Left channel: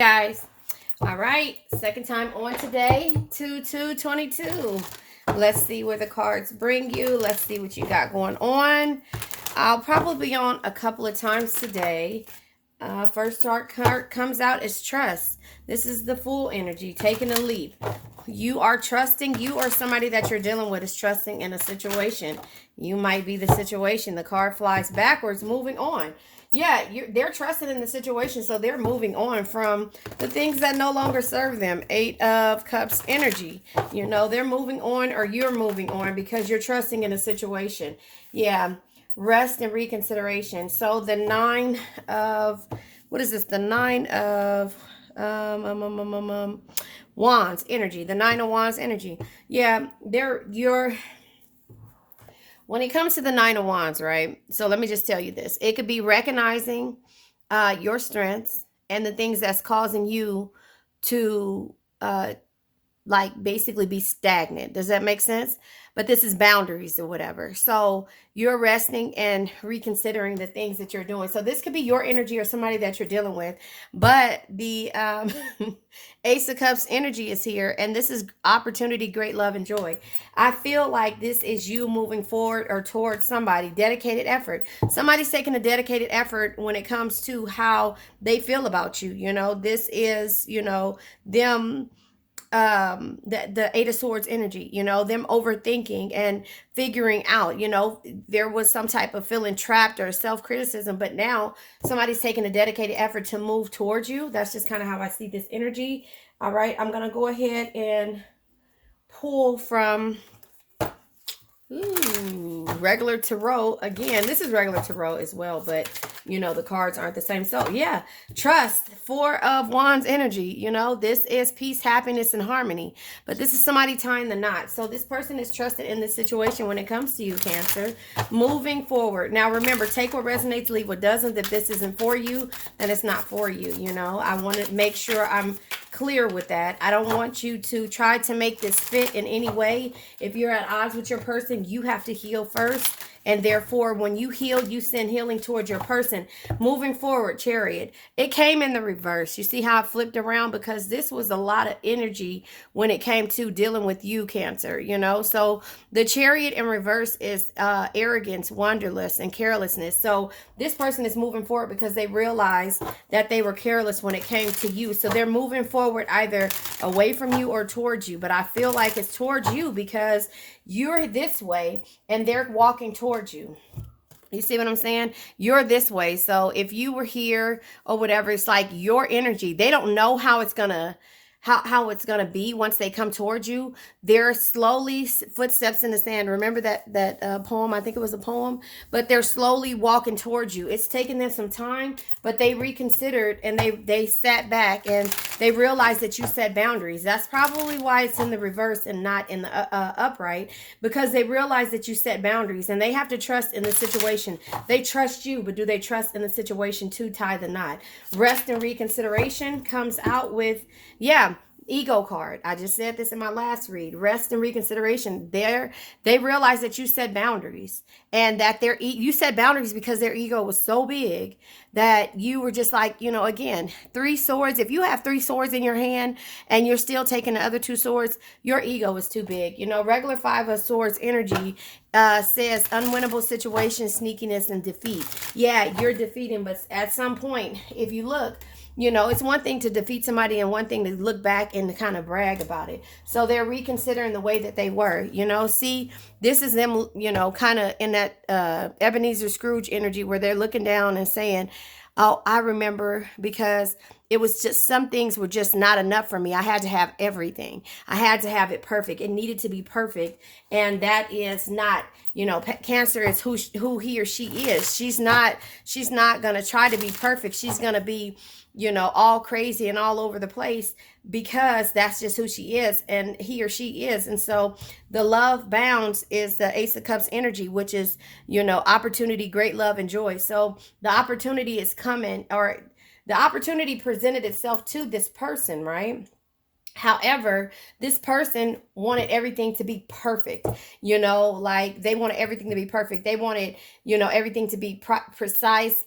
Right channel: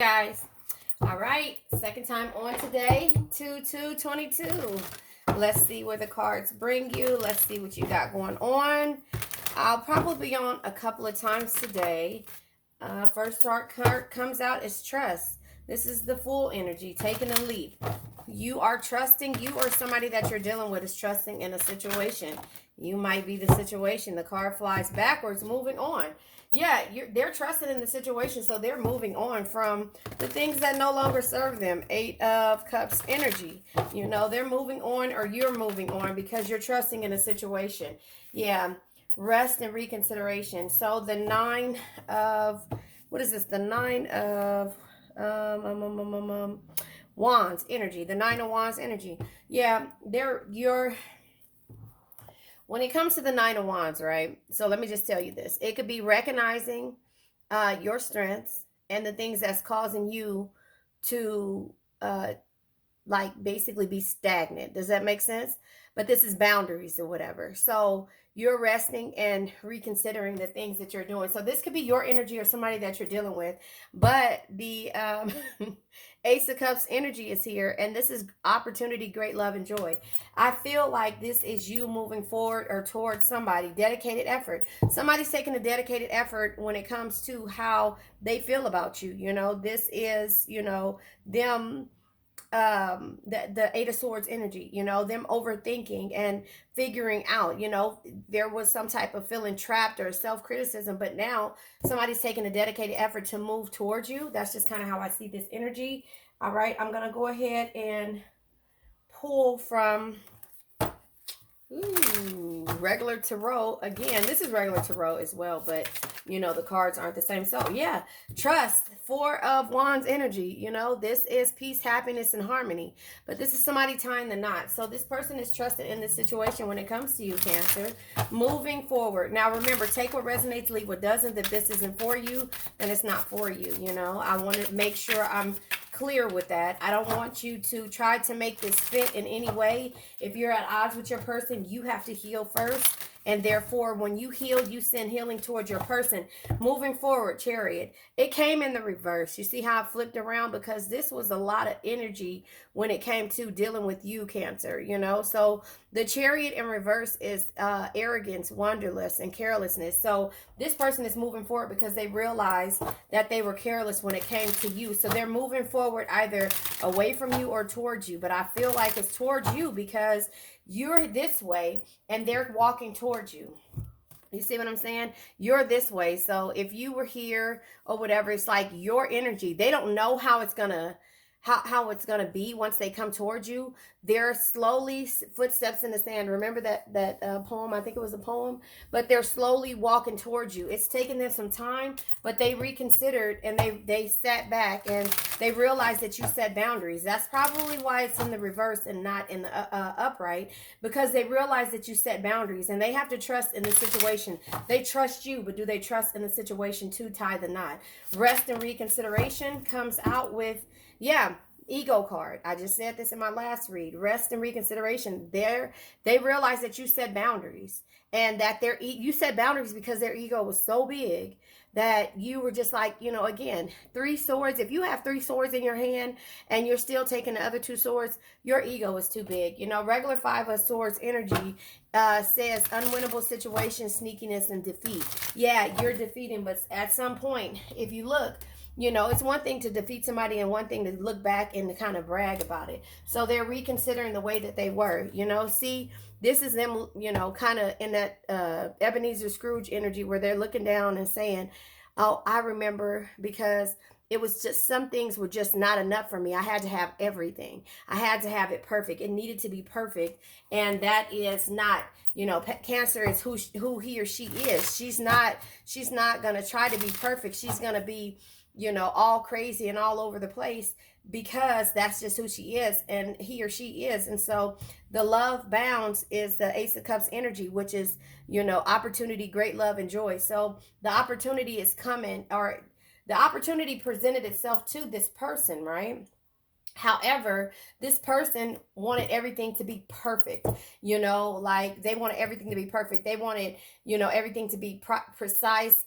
Guys, all right, second time on today, 2222. Let's see where the cards bring you. Let's see what you got going on. I'll probably be on a couple of times today. First card comes out is trust. This is the Fool energy, taking a leap. You are trusting. You or somebody that you're dealing with is trusting in a situation. You might be the situation. The card flies backwards, moving on. Yeah, they're trusting in the situation, so they're moving on from the things that no longer serve them. Eight of Cups energy. They're moving on, or you're moving on because you're trusting in a situation. Yeah, rest and reconsideration. So the nine of, what is this? The nine of wands energy. The nine of wands energy. Yeah, you're when it comes to the nine of wands, right? So let me just tell you this. It could be recognizing your strengths and the things that's causing you to like basically be stagnant. Does that make sense? But this is boundaries or whatever. So you're resting and reconsidering the things that you're doing. So this could be your energy or somebody that you're dealing with. But the Ace of Cups energy is here, and this is opportunity, great love, and joy. I feel like this is you moving forward or towards somebody, dedicated effort. Somebody's taking a dedicated effort when it comes to how they feel about you. This is, them the Eight of Swords energy, them overthinking and figuring out, there was some type of feeling trapped or self-criticism, but now somebody's taking a dedicated effort to move towards you. That's just kind of how I see this energy. All right, I'm gonna go ahead and pull from regular tarot again. This is regular tarot as well, but the cards aren't the same. So yeah, trust. Four of Wands energy. This is peace, happiness, and harmony. But this is somebody tying the knot. So this person is trusted in this situation when it comes to you, Cancer. Moving forward. Now remember, take what resonates, leave what doesn't. If this isn't for you, then it's not for you. I want to make sure I'm clear with that. I don't want you to try to make this fit in any way. If you're at odds with your person, you have to heal first. And therefore, when you heal, you send healing towards your person. Moving forward, Chariot. It came in the reverse. You see how it flipped around? Because this was a lot of energy when it came to dealing with you, Cancer. So the Chariot in reverse is arrogance, wanderlust, and carelessness. So this person is moving forward because they realized that they were careless when it came to you. So they're moving forward either away from you or towards you. But I feel like it's towards you because you're this way and they're walking towards you. You see what I'm saying? You're this way. So if you were here or whatever, it's like your energy. They don't know how it's gonna be once they come towards you. They're slowly footsteps in the sand. Remember that poem? I think it was a poem. But they're slowly walking towards you. It's taken them some time, but they reconsidered and they sat back and they realized that you set boundaries. That's probably why it's in the reverse and not in the upright, because they realized that you set boundaries and they have to trust in the situation. They trust you, but do they trust in the situation to tie the knot? Rest and reconsideration comes out with, yeah, ego card. I just said this in my last read. Rest and reconsideration. They realize that you set boundaries and that you set boundaries because their ego was so big that you were just like, again, three swords. If you have three swords in your hand and you're still taking the other two swords, your ego is too big. Regular Five of Swords energy says unwinnable situations, sneakiness, and defeat. Yeah, you're defeating, but at some point, if you look, it's one thing to defeat somebody and one thing to look back and to kind of brag about it. So they're reconsidering the way that they were, see, this is them, kind of in that Ebenezer Scrooge energy where they're looking down and saying, oh, I remember because it was just some things were just not enough for me. I had to have everything. I had to have it perfect. It needed to be perfect. And that is not, Cancer is who he or she is. She's not going to try to be perfect. She's going to be, all crazy and all over the place because that's just who she is and he or she is. And so the love bounds is the Ace of Cups energy, which is, opportunity, great love, and joy. So the opportunity is coming, or the opportunity presented itself to this person, right? However, this person wanted everything to be perfect, like they wanted everything to be perfect. They wanted, everything to be precise,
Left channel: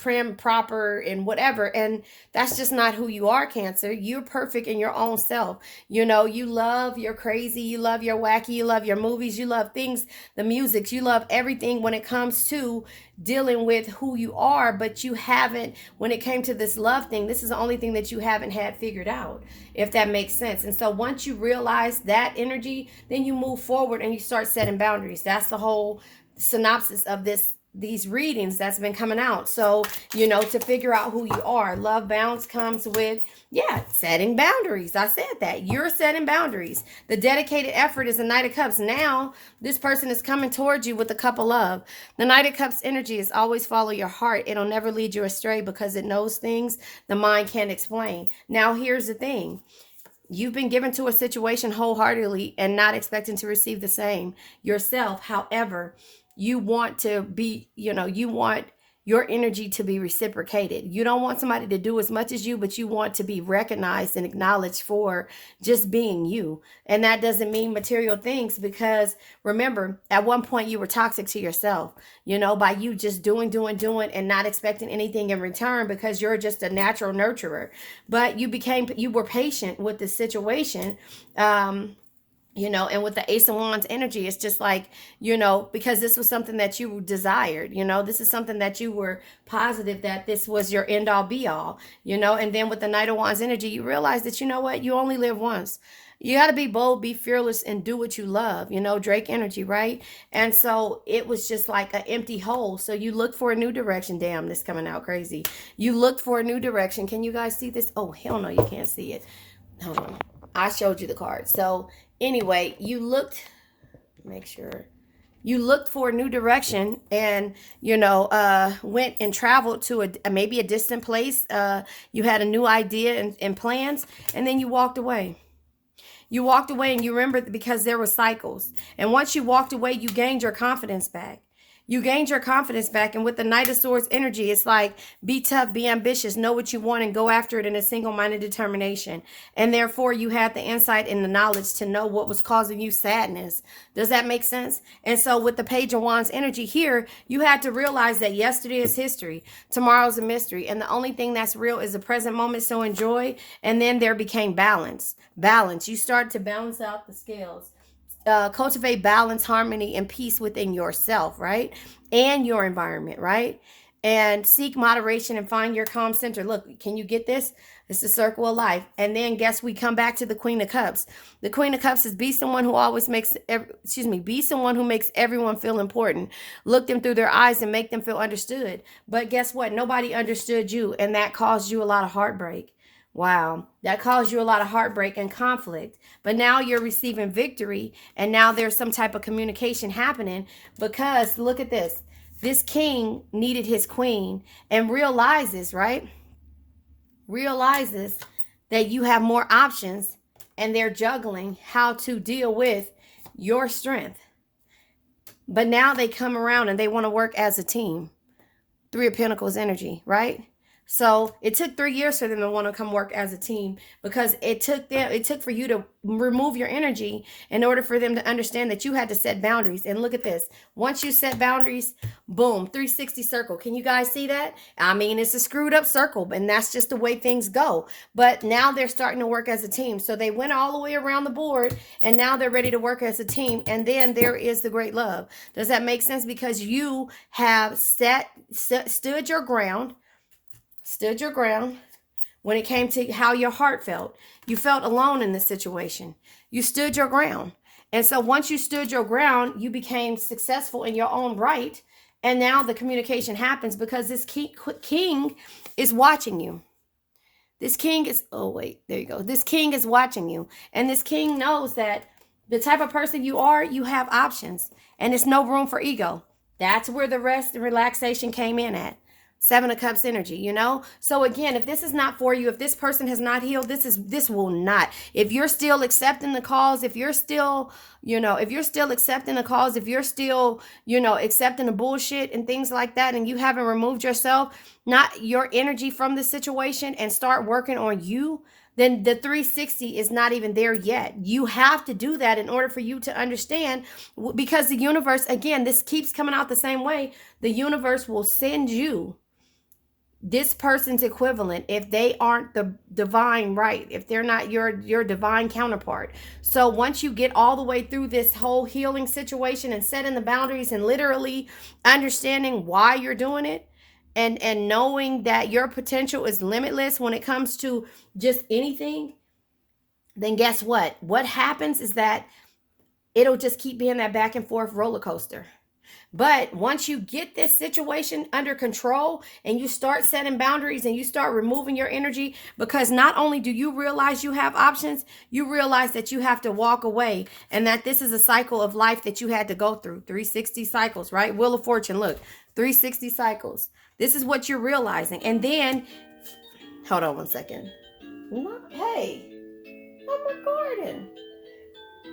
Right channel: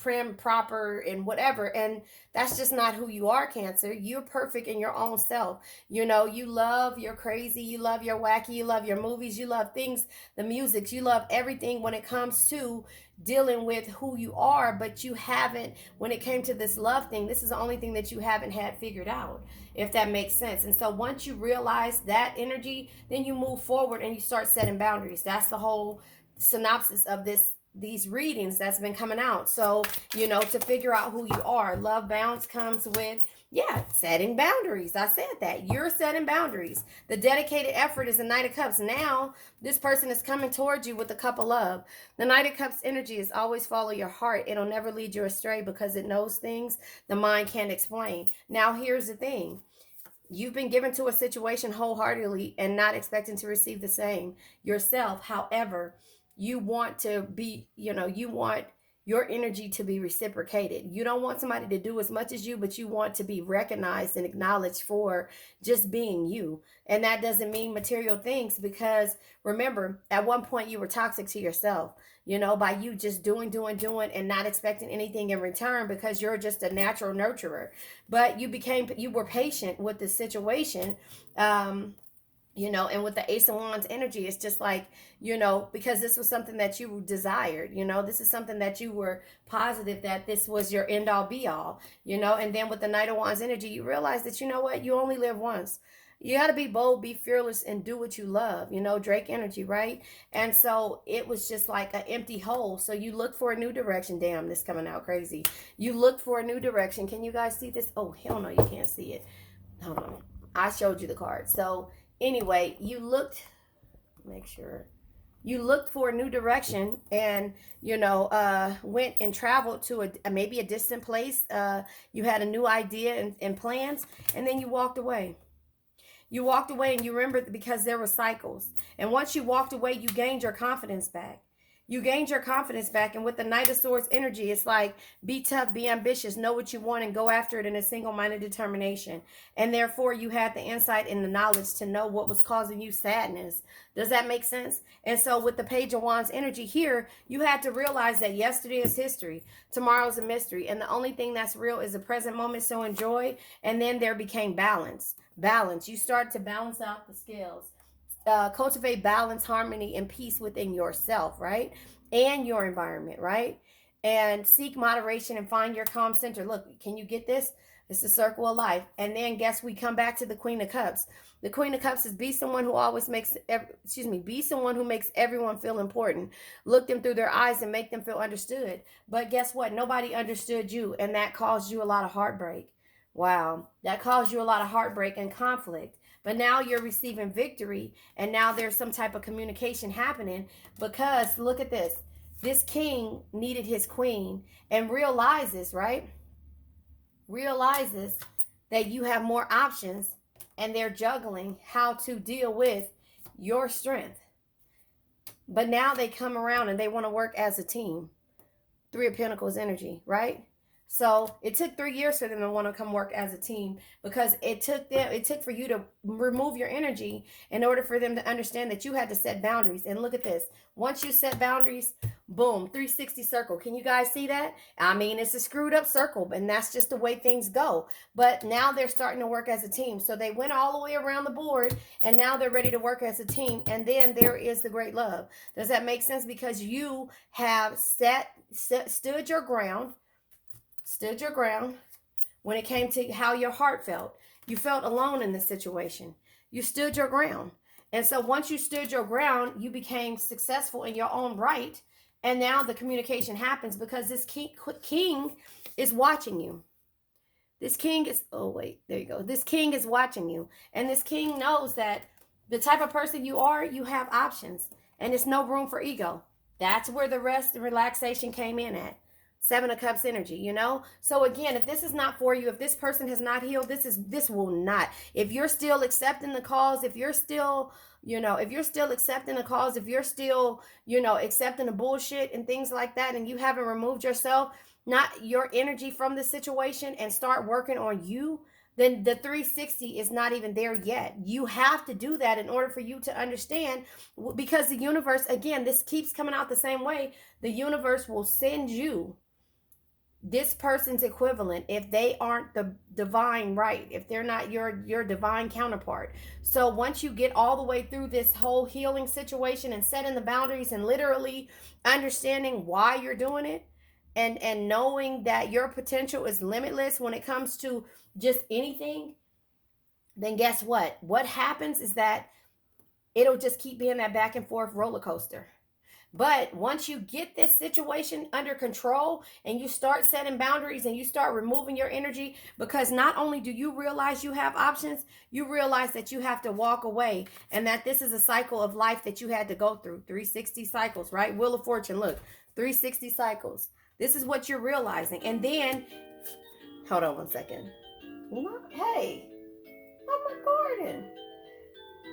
prim, proper, and whatever. And that's just not who you are, Cancer. You're perfect in your own self. You know, you love your crazy, you love your wacky, you love your movies, you love things, the music, you love everything when it comes to dealing with who you are. But you haven't, when it came to this love thing, this is the only thing that you haven't had figured out, if that makes sense. And so once you realize that energy, then you move forward and you start setting boundaries. That's the whole synopsis of these readings that's been coming out. So, you know, to figure out who you are, love bounce comes with, yeah, setting boundaries. I said that. You're setting boundaries. The dedicated effort is the Knight of Cups. Now, this person is coming towards you with the Cup of Love. The Knight of Cups energy is always follow your heart. It'll never lead you astray because it knows things the mind can't explain. Now, here's the thing. You've been given to a situation wholeheartedly and not expecting to receive the same yourself. However, you want to be, you know, you want your energy to be reciprocated. You don't want somebody to do as much as you, but you want to be recognized and acknowledged for just being you. And that doesn't mean material things, because remember, at one point you were toxic to yourself, you know, by you just doing and not expecting anything in return because you're just a natural nurturer. But you were patient with the situation. You know, and with the Ace of Wands energy, it's just like, you know, because this was something that you desired, you know, this is something that you were positive that this was your end all be all, you know. And then with the Knight of Wands energy, you realize that, you know what, you only live once. You got to be bold, be fearless, and do what you love, you know, Drake energy, right? And so it was just like an empty hole. So you look for a new direction. Damn, this coming out crazy. You looked for a new direction. Can you guys see this? Oh, hell no, you can't see it. Hold on. I showed you the card. So anyway, you looked, make sure, you looked for a new direction, and, you know, went and traveled to maybe a distant place. You had a new idea and plans, and then you walked away. You walked away, and you remembered because there were cycles. And once you walked away, you gained your confidence back. You gained your confidence back. And with the Knight of Swords energy, it's like, be tough, be ambitious, know what you want, and go after it in a single-minded determination. And therefore, you had the insight and the knowledge to know what was causing you sadness. Does that make sense? And so with the Page of Wands energy here, you had to realize that yesterday is history. Tomorrow's a mystery. And the only thing that's real is the present moment. So enjoy. And then there became balance. Balance. You start to balance out the scales. Cultivate balance, harmony, and peace within yourself, right? And your environment, right? And seek moderation and find your calm center. Look, can you get this? It's the circle of life. And then guess we come back to the Queen of Cups. The Queen of Cups is be someone who always makes, be someone who makes everyone feel important. Look them through their eyes and make them feel understood. But guess what? Nobody understood you, and that caused you a lot of heartbreak. Wow, that caused you a lot of heartbreak and conflict. But now you're receiving victory, and now there's some type of communication happening, because look at this. This king needed his queen and realizes, right? Realizes that you have more options, and they're juggling how to deal with your strength. But now they come around and they want to work as a team. Three of Pentacles energy, right? So it took 3 years for them to want to come work as a team, because it took for you to remove your energy in order for them to understand that you had to set boundaries. And look at this. Once you set boundaries, boom, 360 circle. Can you guys see that? I mean, it's a screwed up circle, and that's just the way things go. But now they're starting to work as a team. So they went all the way around the board, and now they're ready to work as a team. And then there is the great love. Does that make sense? Because you have stood your ground. Stood your ground when it came to how your heart felt. You felt alone in this situation. You stood your ground. And so once you stood your ground, you became successful in your own right. And now the communication happens because this king is watching you. This king is, oh wait, there you go. This king is watching you. And this king knows that the type of person you are, you have options. And it's no room for ego. That's where the rest and relaxation came in at. Seven of Cups energy, you know? So again, if this is not for you, if this person has not healed, this will not. If you're still accepting the calls, if you're still, if you're still accepting the calls, if you're still, accepting the bullshit and things like that, and you haven't removed yourself, not your energy from the situation, and start working on you, then the 360 is not even there yet. You have to do that in order for you to understand, because the universe, again, this keeps coming out the same way. The universe will send you this person's equivalent, if they aren't the divine right, if they're not your divine counterpart. So once you get all the way through this whole healing situation and setting the boundaries and literally understanding why you're doing it, and knowing that your potential is limitless when it comes to just anything, then guess what happens is that it'll just keep being that back and forth roller coaster. But once you get this situation under control and you start setting boundaries and you start removing your energy, because not only do you realize you have options, you realize that you have to walk away, and that this is a cycle of life that you had to go through. 360 cycles, right? Wheel of Fortune, look, 360 cycles. This is what you're realizing. And then, hold on one second. Hey, oh my garden.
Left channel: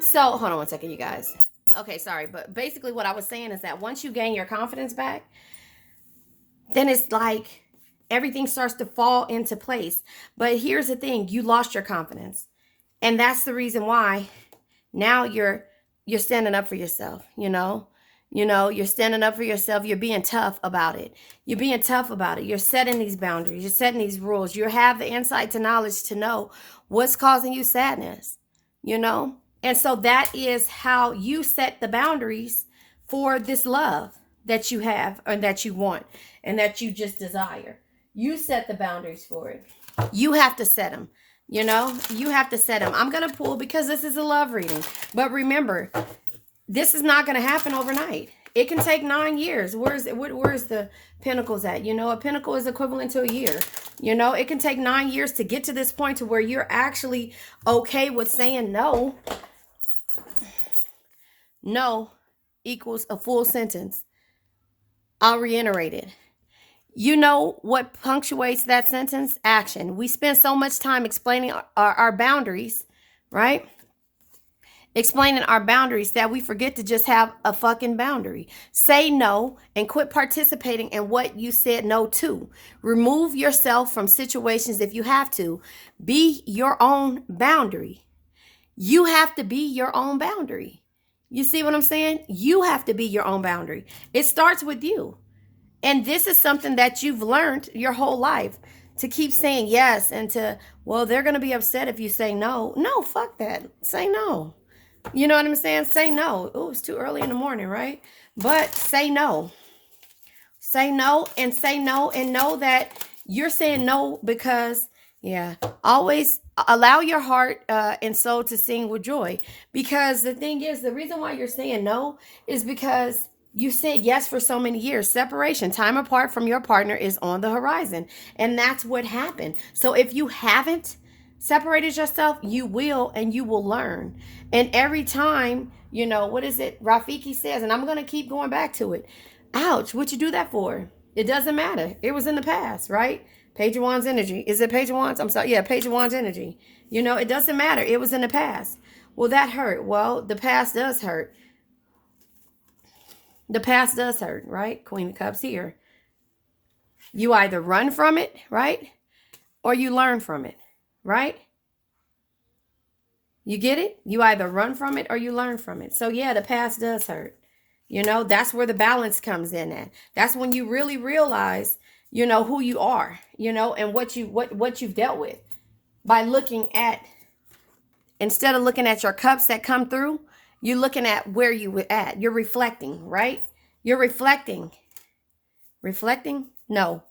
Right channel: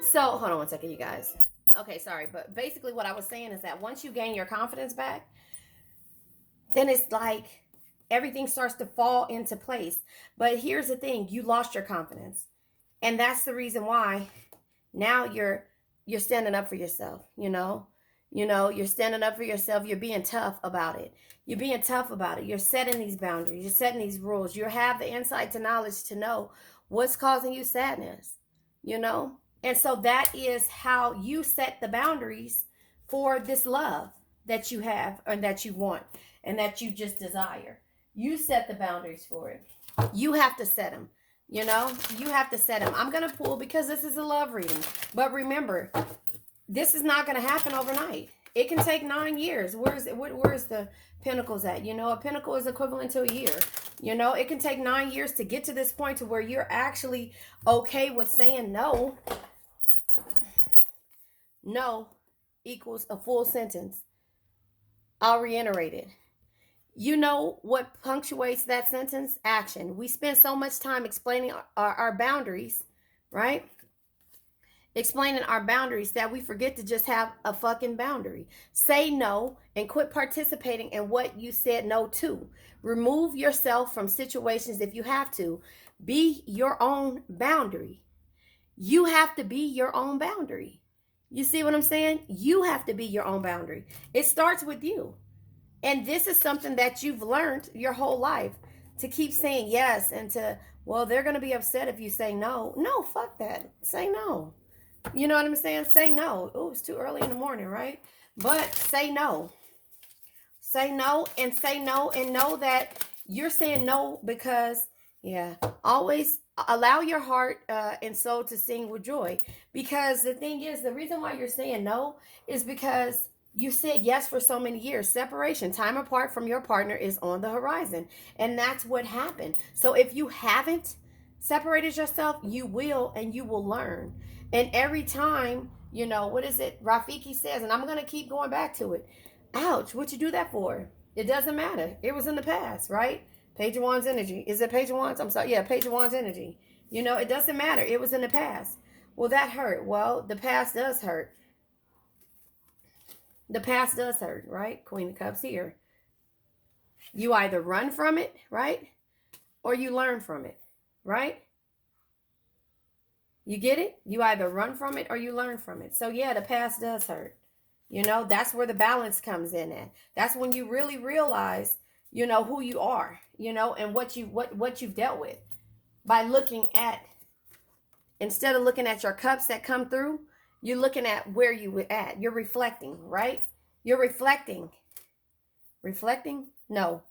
So, hold on one second, you guys. Okay, sorry, but basically what I was saying is that once you gain your confidence back, then it's like everything starts to fall into place. But here's the thing, you lost your confidence. And that's the reason why now you're standing up for yourself, you know? You're standing up for yourself. You're being tough about it. You're being tough about it. You're setting these boundaries. You're setting these rules. You have the insight to knowledge to know what's causing you sadness, you know? And so that is how you set the boundaries for this love that you have and that you want and that you just desire. You set the boundaries for it. You have to set them. You have to set them. I'm going to pull because this is a love reading. But remember, this is not going to happen overnight. It can take 9 years. Where's the Pentacles at? A Pentacle is equivalent to a year. It can take 9 years to get to this point to where you're actually okay with saying no. No equals a full sentence. I'll reiterate it. You know what punctuates that sentence? Action. We spend so much time explaining our boundaries, right? Explaining our boundaries that we forget to just have a fucking boundary. Say no and quit participating in what you said no to. Remove yourself from situations if you have to. Be your own boundary. You have to be your own boundary. You see what I'm saying? You have to be your own boundary. It starts with you. And this is something that you've learned your whole life, to keep saying yes and to, well, they're going to be upset if you say no. No, fuck that. Say no. You know what I'm saying? Say no. Oh, it's too early in the morning, right? But say no. Say no and say no and know that you're saying no because, always allow your heart and soul to sing with joy. Because the thing is, the reason why you're saying no is because you said yes for so many years. Separation, time apart from your partner is on the horizon. And that's what happened. So if you haven't separated yourself, you will, and you will learn. And every time, what is it? Rafiki says, and I'm going to keep going back to it. Ouch, what'd you do that for? It doesn't matter. It was in the past, right? Page of Wands energy. Is it Page of Wands? I'm sorry. Yeah, Page of Wands energy. It doesn't matter. It was in the past. Well, that hurt. Well, the past does hurt. The past does hurt, right? Queen of Cups here. You either run from it, right? Or you learn from it, right? You get it? You either run from it or you learn from it. So yeah, the past does hurt. That's where the balance comes in at. That's when you really realize, who you are, and what you've dealt with. By looking at, instead of looking at your cups that come through, you're looking at where you were at. You're reflecting, right? You're reflecting. Reflecting? No.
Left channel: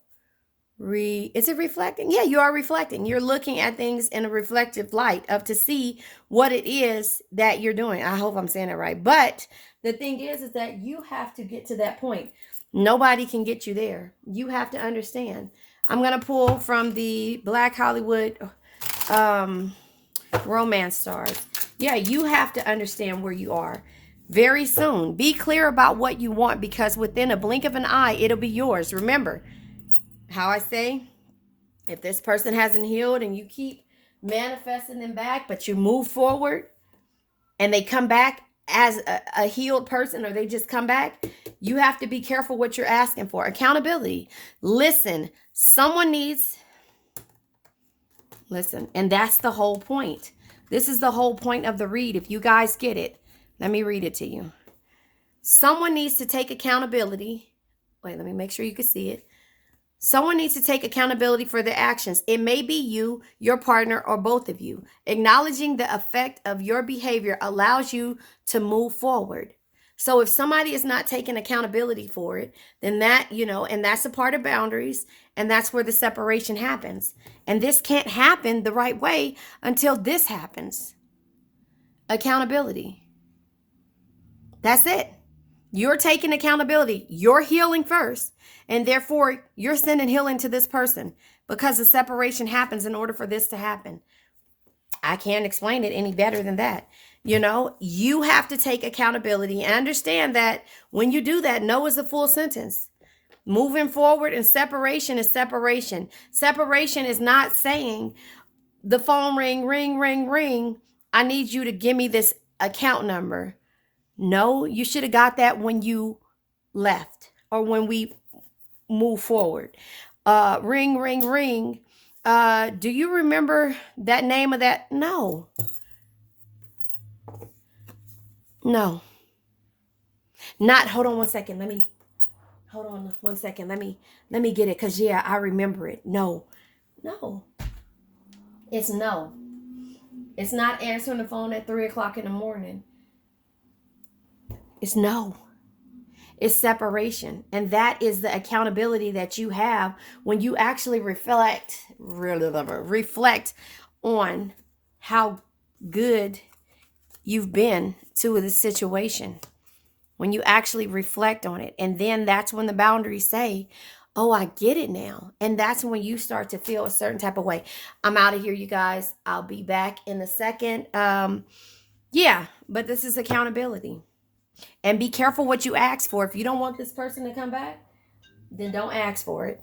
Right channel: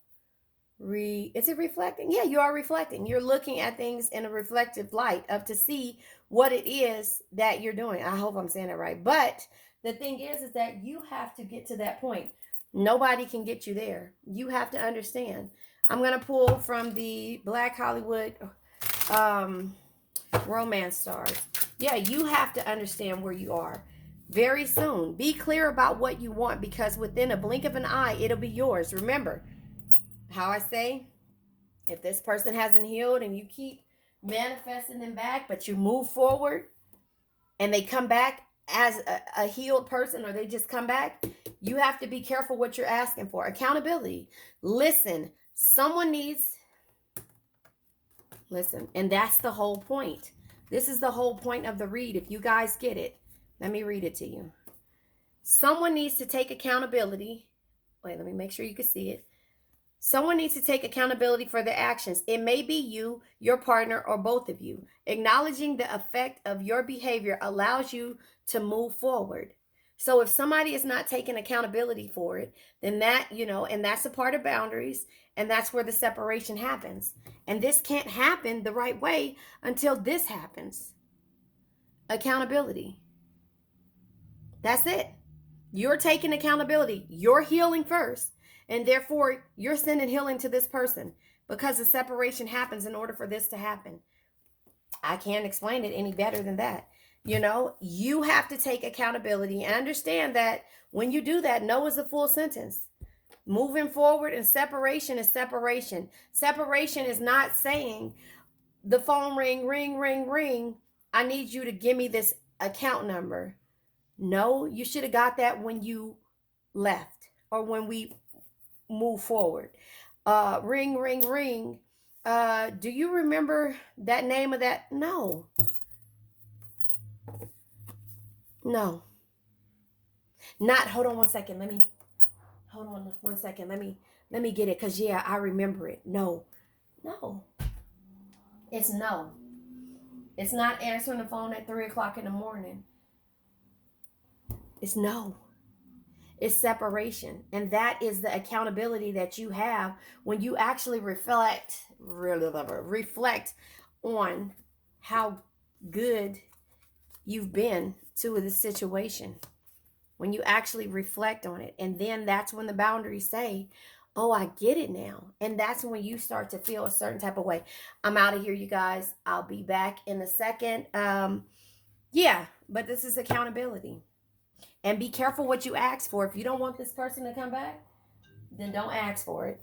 Is it reflecting? Yeah, you are reflecting. You're looking at things in a reflective light up to see what it is that you're doing. I hope I'm saying it right. But the thing is that you have to get to that point. Nobody can get you there. You have to understand. I'm going to pull from the Black Hollywood romance stars. Yeah, you have to understand where you are very soon. Be clear about what you want, because within a blink of an eye, it'll be yours. Remember how I say, if this person hasn't healed and you keep manifesting them back, but you move forward and they come back as a healed person, or they just come back, you have to be careful what you're asking for. Accountability. Listen, someone needs, listen, and that's the whole point. This is the whole point of the read. If you guys get it, let me read it to you. Someone needs to take accountability. Wait, let me make sure you can see it. Someone needs to take accountability for their actions. It may be you, your partner, or both of you. Acknowledging the effect of your behavior allows you to move forward. So if somebody is not taking accountability for it, then that, and that's a part of boundaries, and that's where the separation happens. And this can't happen the right way until this happens. Accountability. That's it. You're taking accountability. You're healing first. And therefore, you're sending healing to this person because the separation happens in order for this to happen. I can't explain it any better than that. You have to take accountability and understand that when you do that, no is a full sentence. Moving forward and separation is separation. Separation is not saying the phone ring, ring, ring, ring. I need you to give me this account number. No, you should have got that when you left or when we move forward. Ring, ring, ring. Do you remember that name of that? No. No. Not, hold on one second. Hold on one second. Let me get it. Cause yeah, I remember it. No. It's no. It's not answering the phone at 3 o'clock in the morning. It's no. It's separation. And that is the accountability that you have when you actually reflect on how good you've been to the situation. When you actually reflect on it. And then that's when the boundaries say, oh, I get it now. And that's when you start to feel a certain type of way. I'm out of here, you guys. I'll be back in a second. Yeah, but this is accountability. And be careful what you ask for. If you don't want this person to come back, then don't ask for it.